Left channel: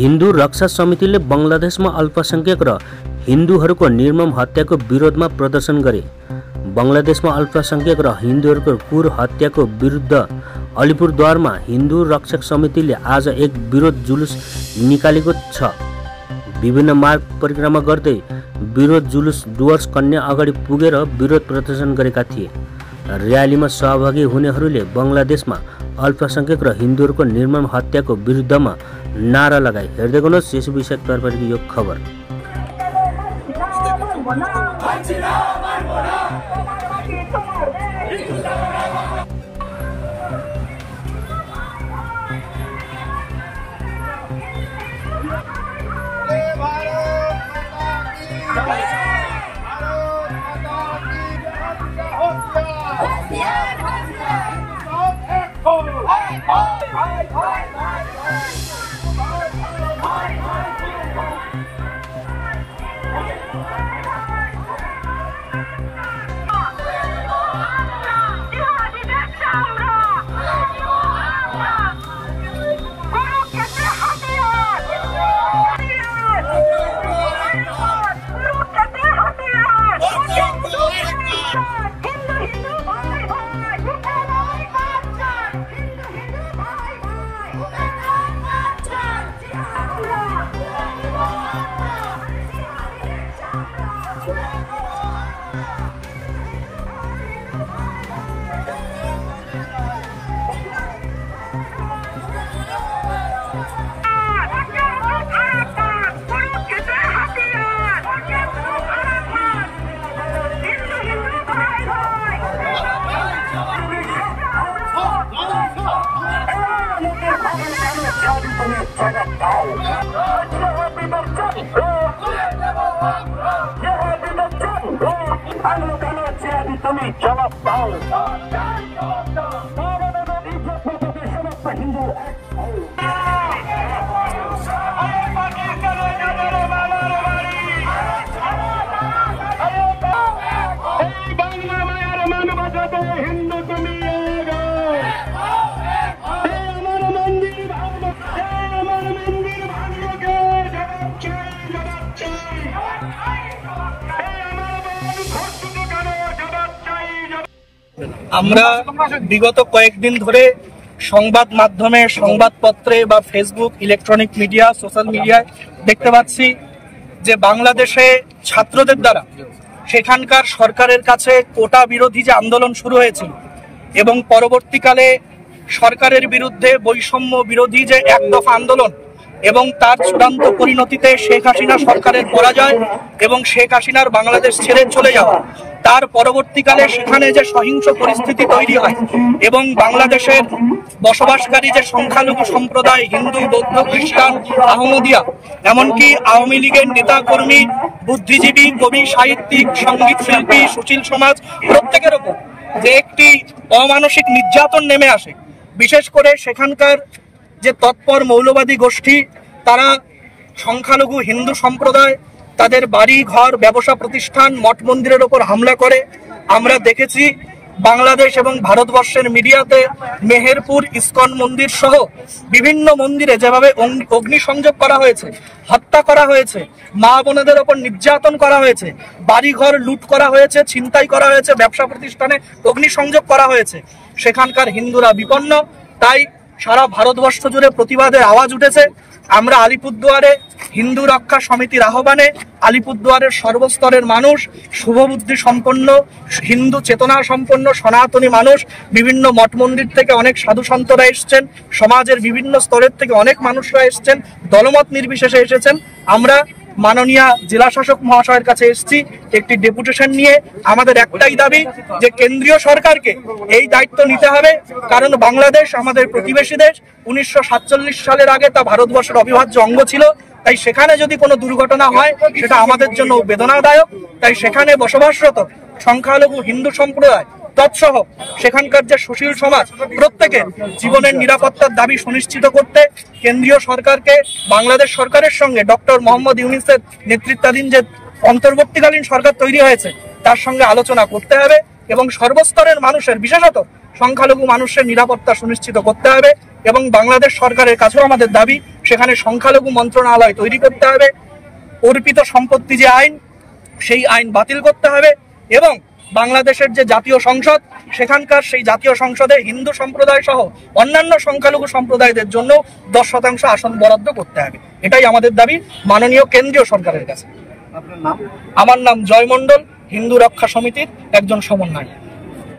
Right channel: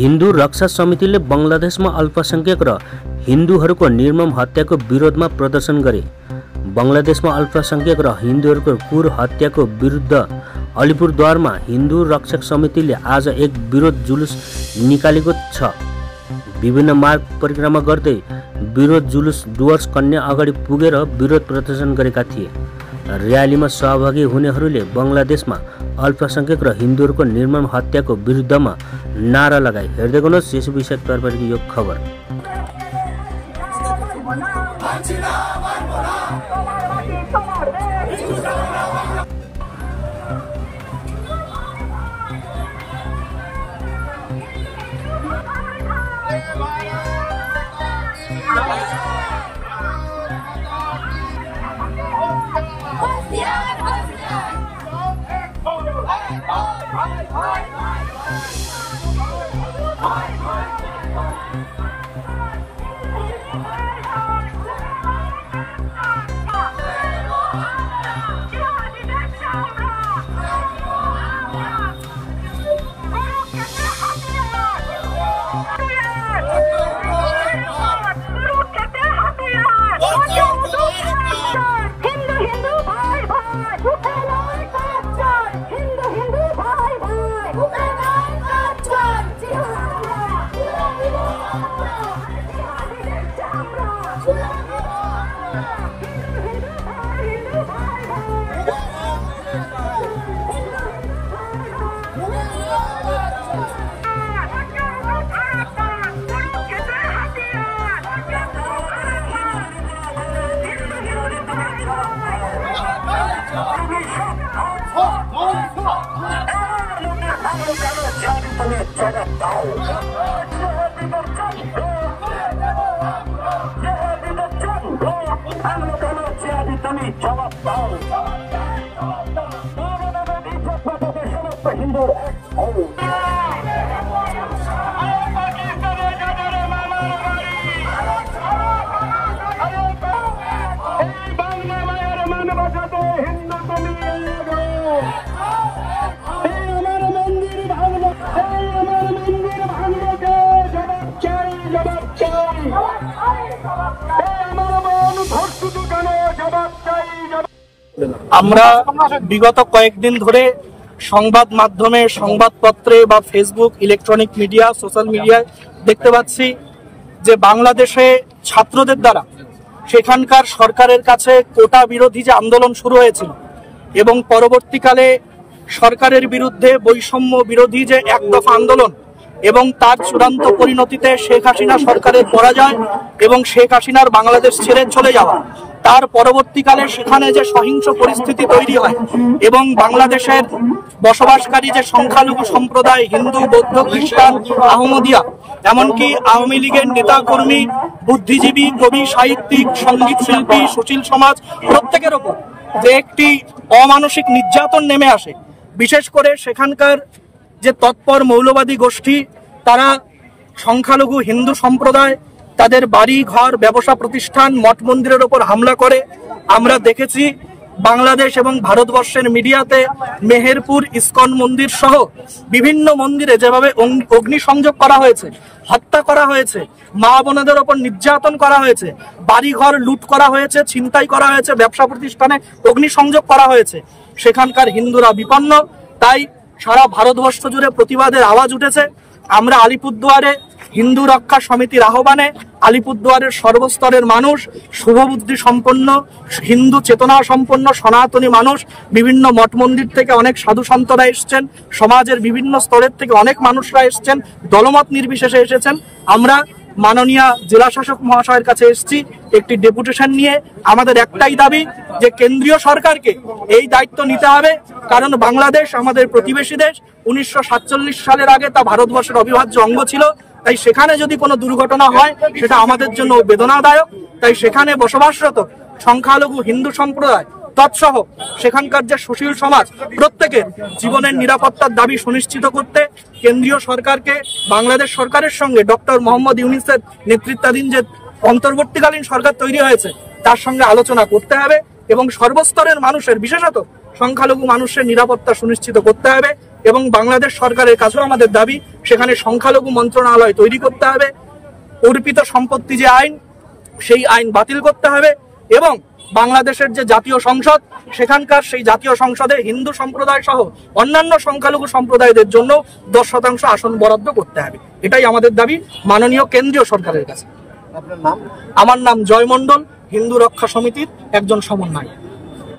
हिन्दू रक्षा समितिले बंगलादेशमा अल्पसंख्यक र हिन्दूहरूको निर्मम हत्याको विरोधमा प्रदर्शन गरे। बंगलादेशमा अल्पसंख्यक र हिन्दूहरूको क्रूर हत्याको विरुद्ध अलिपुरद्वारमा हिन्दू रक्षक समितिले आज एक विरोध जुलुस निकालेको छ। विभिन्न मार्ग परिक्रमा गर्दै विरोध जुलुस डुवर्स कन्या अगाडि पुगेर विरोध प्रदर्शन गरेका थिए। र्यालीमा सहभागी हुनेहरूले बंगलादेशमा अल्पसंख्यक र हिन्दूहरूको निर्मम हत्याको विरुद्धमा नारा लगाए। हेर्दै गर्नुहोस् यस विषयतर्फको यो खबर। আমরা বিগত কয়েকদিন ধরে সংবাদ মাধ্যমে, সংবাদপত্রে বা ফেসবুক, ইলেকট্রনিক মিডিয়া, সোশ্যাল মিডিয়ায় দেখতে পাচ্ছি যে বাংলাদেশে ছাত্রদের দ্বারা সেখানকার সরকারের কাছে কোটা বিরোধী যে আন্দোলন শুরু হয়েছিল এবং পরবর্তীকালে সরকারের বিরুদ্ধে বৈষম্য বিরোধী যে এক দফা আন্দোলন এবং তার চূড়ান্ত পরিণতিতে শেখ হাসিনা সরকারের পরাজয় এবং শেখ হাসিনার বাংলাদেশ ছেড়ে চলে যাওয়া, তার পরবর্তীকালে সেখানে যে সহিংস পরিস্থিতি তৈরি হয় এবং বাংলাদেশের বসবাসকারী যে সংখ্যালঘু সম্প্রদায় হিন্দু, বৌদ্ধ, খ্রিস্টান, আহমদিয়া, এমনকি আওয়ামী লীগের নেতা কর্মী, বুদ্ধিজীবী, কবি, সাহিত্যিক, সঙ্গীত শিল্পী, সুশীল সমাজ প্রত্যেকের ওপর যে একটি অমানসিক নির্যাতন নেমে আসে। বিশেষ করে সেখানকার যে তৎপর মৌলবাদী গোষ্ঠী, তারা সংখ্যালঘু হিন্দু সম্প্রদায়, তাদের বাড়ি ঘর, ব্যবসা প্রতিষ্ঠান, মঠ মন্দিরের ওপর হামলা করে। আমরা দেখেছি বাংলাদেশ এবং ভারতবর্ষের মিডিয়াতে মেহেরপুর ইসকন মন্দির সহ বিভিন্ন মন্দিরে যেভাবে অগ্নিসংযোগ করা হয়েছে, হত্যা করা হয়েছে, মা বোনেদের ওপর নির্যাতন করা হয়েছে, বাড়িঘর লুট করা হয়েছে, ছিনতাই করা হয়েছে, ব্যবসা প্রতিষ্ঠানে অগ্নিসংযোগ করা হয়েছে। সেখানকার হিন্দুরা বিপন্ন। তাই সারা ভারতবর্ষ জুড়ে প্রতিবাদের আওয়াজ উঠেছে। আমরা আলিপুরদুয়ারে হিন্দু রক্ষা সমিতির আহ্বানে আলিপুরদুয়ারের সর্বস্তরের মানুষ, শুভবুদ্ধি সম্পন্ন, হিন্দু চেতনা সম্পন্ন সনাতনী মানুষ, বিভিন্ন মঠ মন্দির থেকে অনেক সাধু সন্তরা এসছেন, সমাজের বিভিন্ন স্তরের থেকে অনেক মানুষরা এসছেন, দলমত নির্বিশেষে এসেছেন। আমরা মাননীয় জেলা শাসক মহাশয়ের কাছে এসেছি একটি ডেপুটেশন নিয়ে। আমাদের একটাই দাবি যে কেন্দ্রীয় সরকারকে এই দায়িত্ব নিতে হবে, কারণ বাংলাদেশ আমাদের প্রতিবেশী দেশ। 1947 সালের আগে তা ভারতবর্ষের অবিভাজ্য অঙ্গ ছিল। তাই সেখানে যদি কোনো দুর্ঘটনা হয় সেটা আমাদের জন্য বেদনাদায়ক। তাই সেখানে বসবাসরত সংখ্যালঘু হিন্দু সম্প্রদায় তৎসহ সেখানকার যে সুশীল সমাজ প্রত্যেকের জীবনের নিরাপত্তার দাবি সুনিশ্চিত করতে কেন্দ্রীয় সরকারকে বাংলাদেশ সরকারের সঙ্গে ডক্টর মোহাম্মদ ইউনূসের নেতৃত্বাধীন যে অন্তর্বর্তীকালীন সরকার তৈরি হয়েছে তার সঙ্গে আলোচনা করতে হবে এবং সর্বস্তরের মানুষের, বিশেষত সংখ্যালঘু মানুষের নিরাপত্তা সুনিশ্চিত করতে হবে। এবং বাংলাদেশ সরকারের কাছেও আমাদের দাবি সেখানে সংখ্যালঘু মন্ত্রণালয় তৈরি করতে হবে, অর্পিত সম্পত্তি যে আইন সেই আইন বাতিল করতে হবে এবং বাংলাদেশের যে জাতীয় সংসদ সেখানকার সেই জাতীয় সংসদে হিন্দু সম্প্রদায় সহ অন্যান্য সংখ্যালঘু সম্প্রদায়দের জন্য 10% আসন বরাদ্দ করতে হবে। এটাই আমাদের দাবি মাননীয় কেন্দ্রীয় সরকারের কাছে। আমার নাম জয় মণ্ডল, হিন্দু রক্ষা সমিতির একজন সমন্বয়ক।